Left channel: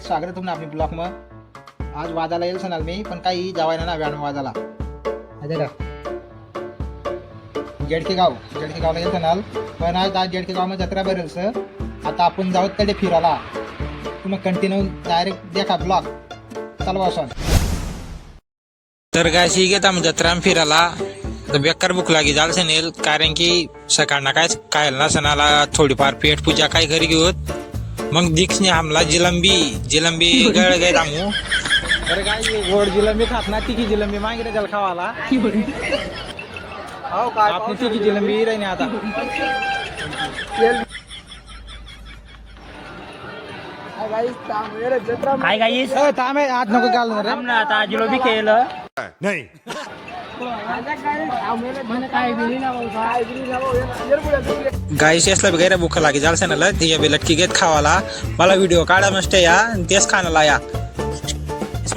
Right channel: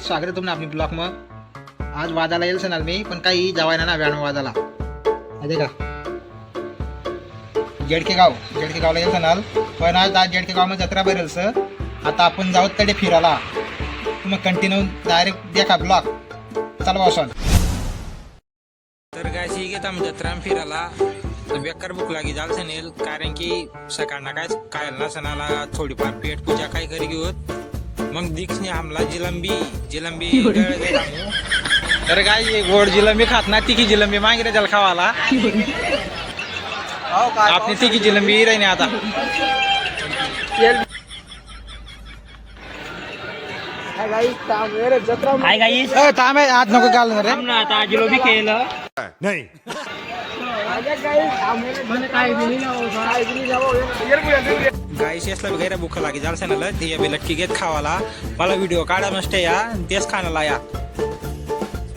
Guys स्वागत आहे तुमने अपनी ब्लॉग में। आज वादाला येईल सणाल मी पण काही जावायना ना व्यान वादाला आहे का जेडके गावला येईल सणाल पण आज जेडके गाव में जत्रा भरेल सर। आता आपण जाऊ तडे फिरायला तुम्ही कंटिन्यू डायरेक्ट देखा ब्लॉग चला बसून। तर गायशी घेत आम्ही जत्रा फिरायला तर बेकार भूक लागी जाल सनेल कारण की सकाळना काय ना सणाला थोडीफार पेट पूजा काय घरी घेऊत मग दीक्षने हमला जिलंबी गळ गए दामू। तर काय गोड जिलंबी खात ना तिखी जिलंबी मागितलं त्याला खावाला आपली तिखी जिलंबी राही आता हाय गाईस थांब आज नको घालणार रे ना आता जिलोबी केलं नहीं गाईस असला गैर भूक लागी जाल सणाला तिच्या बी लटकी घेत खावाला मला व्हिडिओ काढा मस्त या तेच खाण्याला या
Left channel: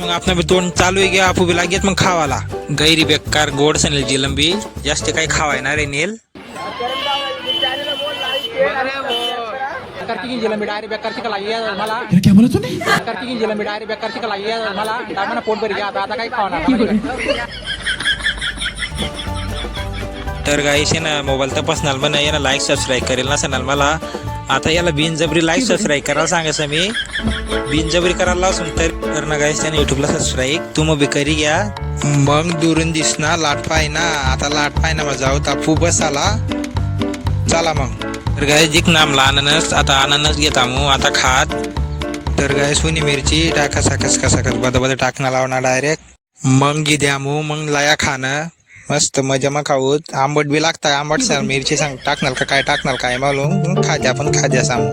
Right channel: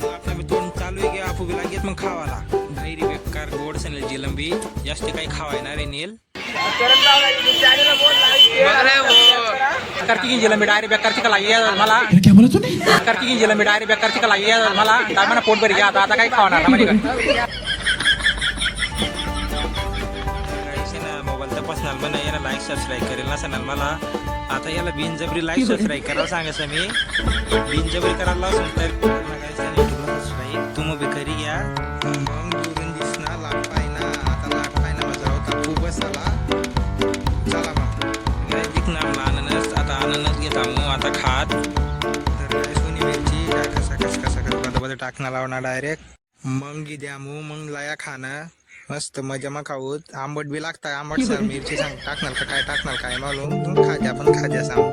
मग आपण बी तोंड चालू आहे गया आपू बी लागेत मग खावाला गैरी बेकार गोड सनेल जिलंबी जास्त काही खावायना रे नेल करती की जिलंबी डायरेक्ट बेकार चिका लागी मला क्या बोला तूने? करती की जिलंबी डायरेक्ट बेकार चिका लागी मला मला पोट भरी घ्या आता काही खावणार ना म्हणजे तर गाईस आहे ना मोबाईल तपासणार पण याला लाईक सबस्क्राईब करेल ना सणाल मला आता याला बिनजबरी लाईक सबस्क्राईब करायला सांगायचं मी बिनजबरी करायला असून तर ना गाईस त्याने युट्यूबला सबस्क्राईब तुम्ही बी करी घ्या मग दुरून दिसना लाट पाय ना आता लाट पाय ना जाऊ तापू बस आला चला मग। तर गाय जिक नामला अननस आता अननस घेता मग आता खात तर गाय सुनी मिरची टाका कसा बदल टाकणं लावणार डायरेक्ट मग गी द्या मग लाया खाणं मस्त मजा मग खाऊत आंबट बी लागताय आंबट सर मिरची सांग टाकणार का काय टाकणार काय मालूम खाद्या सांग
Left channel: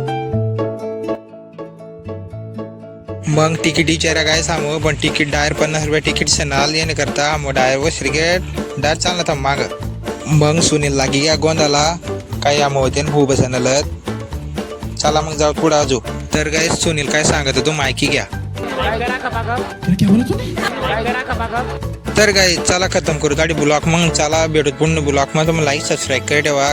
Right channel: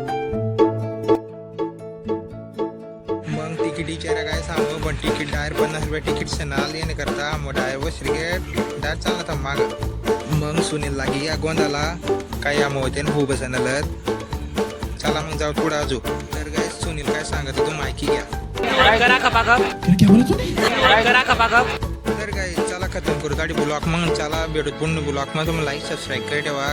मग तिकीट विचारा काय सांगू पण तिकीट डायर 50 रुपये तिकीट सणाल येणे करता मग डायर व श्रीगेट डायर चालला था माग मग सुनील लागी या गोंदाला काय आम होते हो बसनलत चला मग जाऊ पुढे आजू। तर काय सुनील काय सांगत तू माहिती घ्या क्या बोला तूने? तर काय चला खतम करू गाडी ब्लॉक मग चला भेटू पुन्हा ब्लॉक मध्ये लाईक सबस्क्राईब कर ठेवा।